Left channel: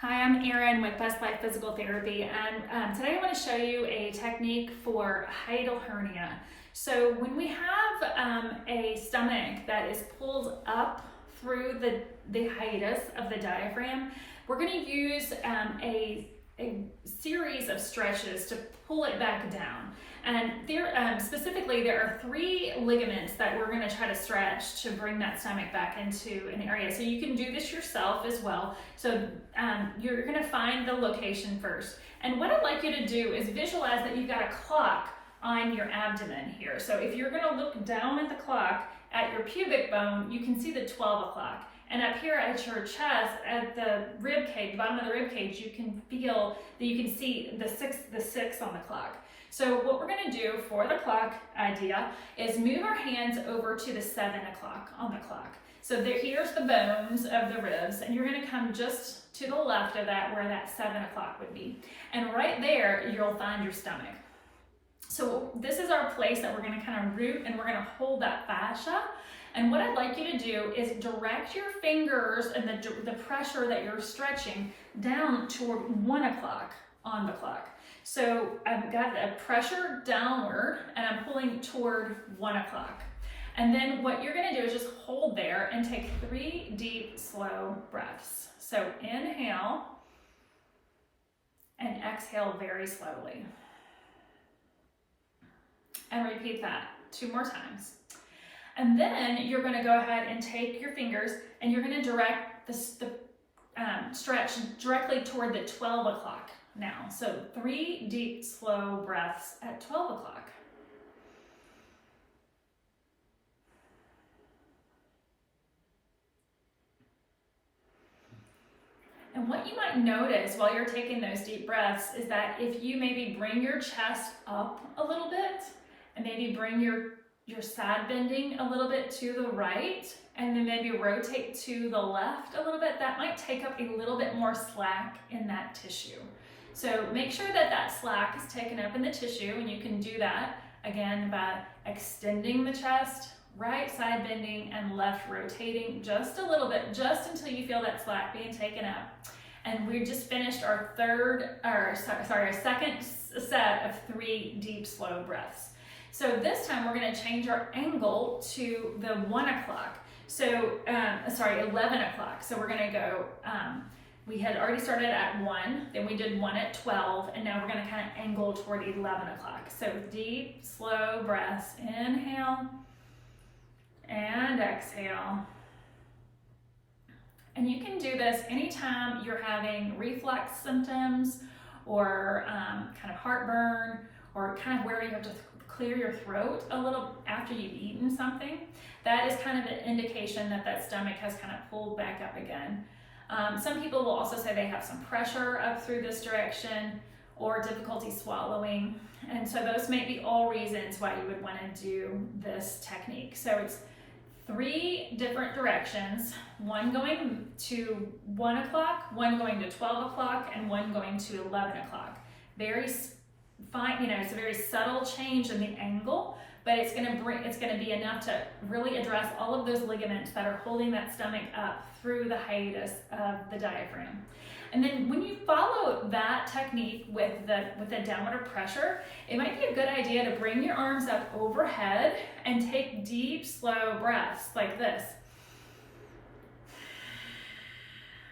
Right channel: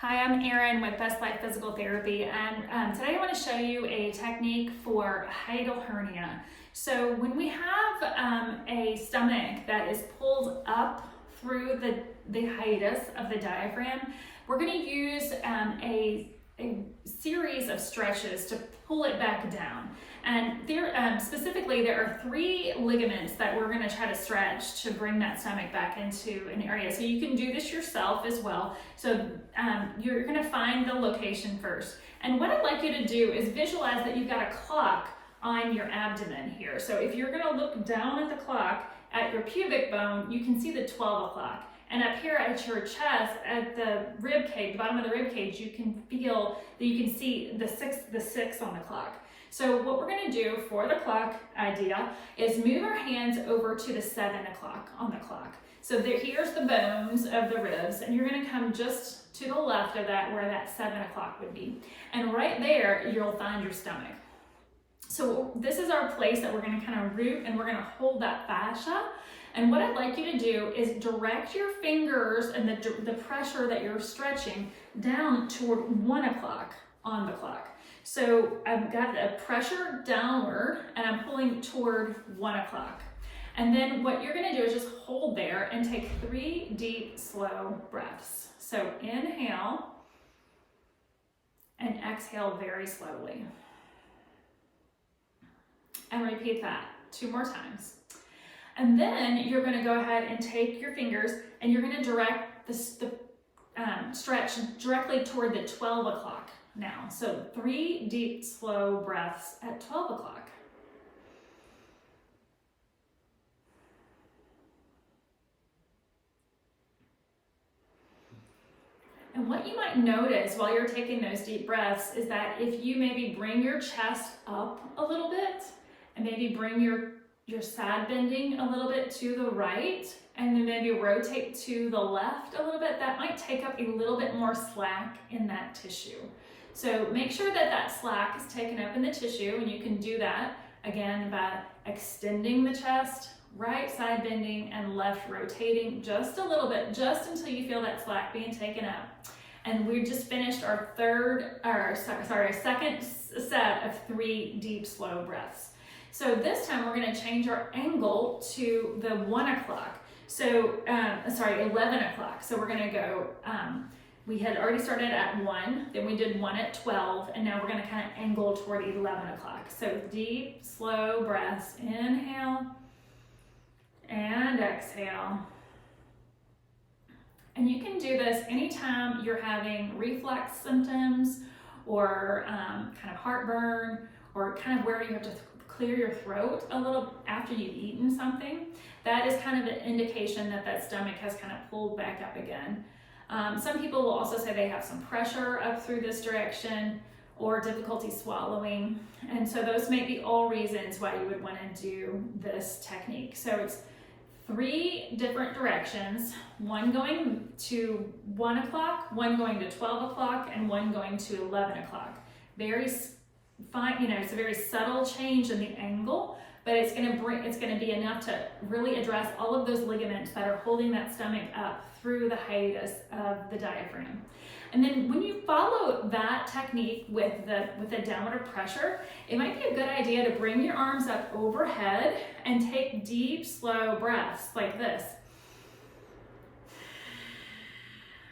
Hi, I'm Erin with Best Life Physical Therapy, and today I want to show you a technique for hiatal hernia. So when we have a stomach that is pulled up through the hiatus of the diaphragm, we're going to use a series of stretches to pull it back down. And there, specifically, there are 3 ligaments that we're going to try to stretch to bring that stomach back into an area. So you can do this yourself as well. So you're going to find the location first. And what I'd like you to do is visualize that you've got a clock on your abdomen here. So if you're going to look down at the clock at your pubic bone, you can see the 12 o'clock. And up here at your chest, at the rib cage, the bottom of the rib cage, you can feel that you can see the six on the clock. So what we're going to do for the clock idea is move our hands over to the 7 o'clock on the clock. So here's the bones of the ribs, and you're going to come just to the left of that where that 7 o'clock would be. And right there, you'll find your stomach. So this is our place that we're going to kind of root, and we're going to hold that fascia. And what I'd like you to do is direct your fingers and the pressure that you're stretching down toward 1 o'clock on the clock. So I've got a pressure downward and I'm pulling toward 1 o'clock. And then what you're going to do is just hold there and take 3 deep, slow breaths. So inhale and exhale very slowly. And repeat that 2 more times. And then you're going to go ahead and take your fingers and you're going to direct the stretch directly toward the 12 o'clock now. So 3 deep, slow breaths at 12 o'clock. And what you might notice while you're taking those deep breaths is that if you maybe bring your chest up a little bit and maybe bring your side bending a little bit to the right, and then maybe rotate to the left a little bit, that might take up a little bit more slack in that tissue. So make sure that that slack is taken up in the tissue, and you can do that again by extending the chest, right side bending, and left rotating just a little bit, just until you feel that slack being taken up. And we just finished our second set of 3 deep, slow breaths. So this time we're going to change our angle to the 1 o'clock. So, 11 o'clock. So we're going to go, we had already started at 1, then we did 1 at 12, and now we're going to kind of angle toward 11 o'clock. So deep, slow breaths. Inhale and exhale. And you can do this anytime you're having reflux symptoms or kind of heartburn, or kind of where you have to clear your throat a little after you've eaten something. That is kind of an indication that that stomach has kind of pulled back up again. Some people will also say they have some pressure up through this direction or difficulty swallowing. And so those may be all reasons why you would want to do this technique. So it's 3 different directions, 1 going to 1 o'clock, 1 going to 12 o'clock, and 1 going to 11 o'clock. Very fine, it's a very subtle change in the angle, but it's going to be enough to really address all of those ligaments that are holding that stomach up through the hiatus of the diaphragm. And then when you follow that technique with the downward pressure, it might be a good idea to bring your arms up overhead and take deep, slow breaths like this.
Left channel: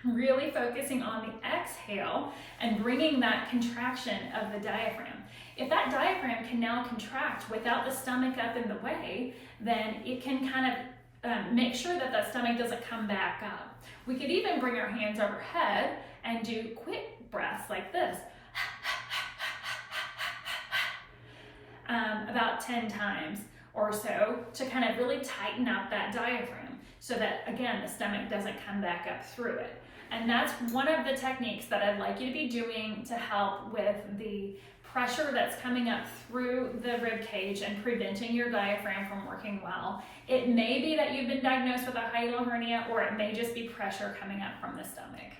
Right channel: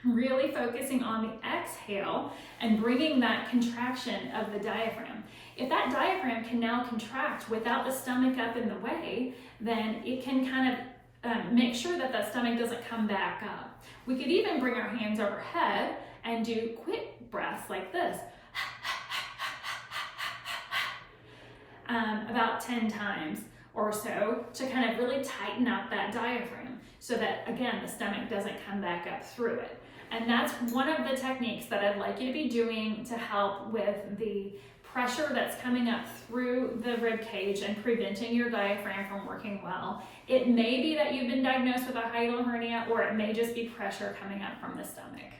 Really focusing on the exhale and bringing that contraction of the diaphragm. If that diaphragm can now contract without the stomach up in the way, then it can kind of make sure that that stomach doesn't come back up. We could even bring our hands overhead and do quick breaths like this. About 10 times or so to kind of really tighten up that diaphragm so that, again, the stomach doesn't come back up through it. And that's one of the techniques that I'd like you to be doing to help with the pressure that's coming up through the rib cage and preventing your diaphragm from working well. It may be that you've been diagnosed with a hiatal hernia, or it may just be pressure coming up from the stomach.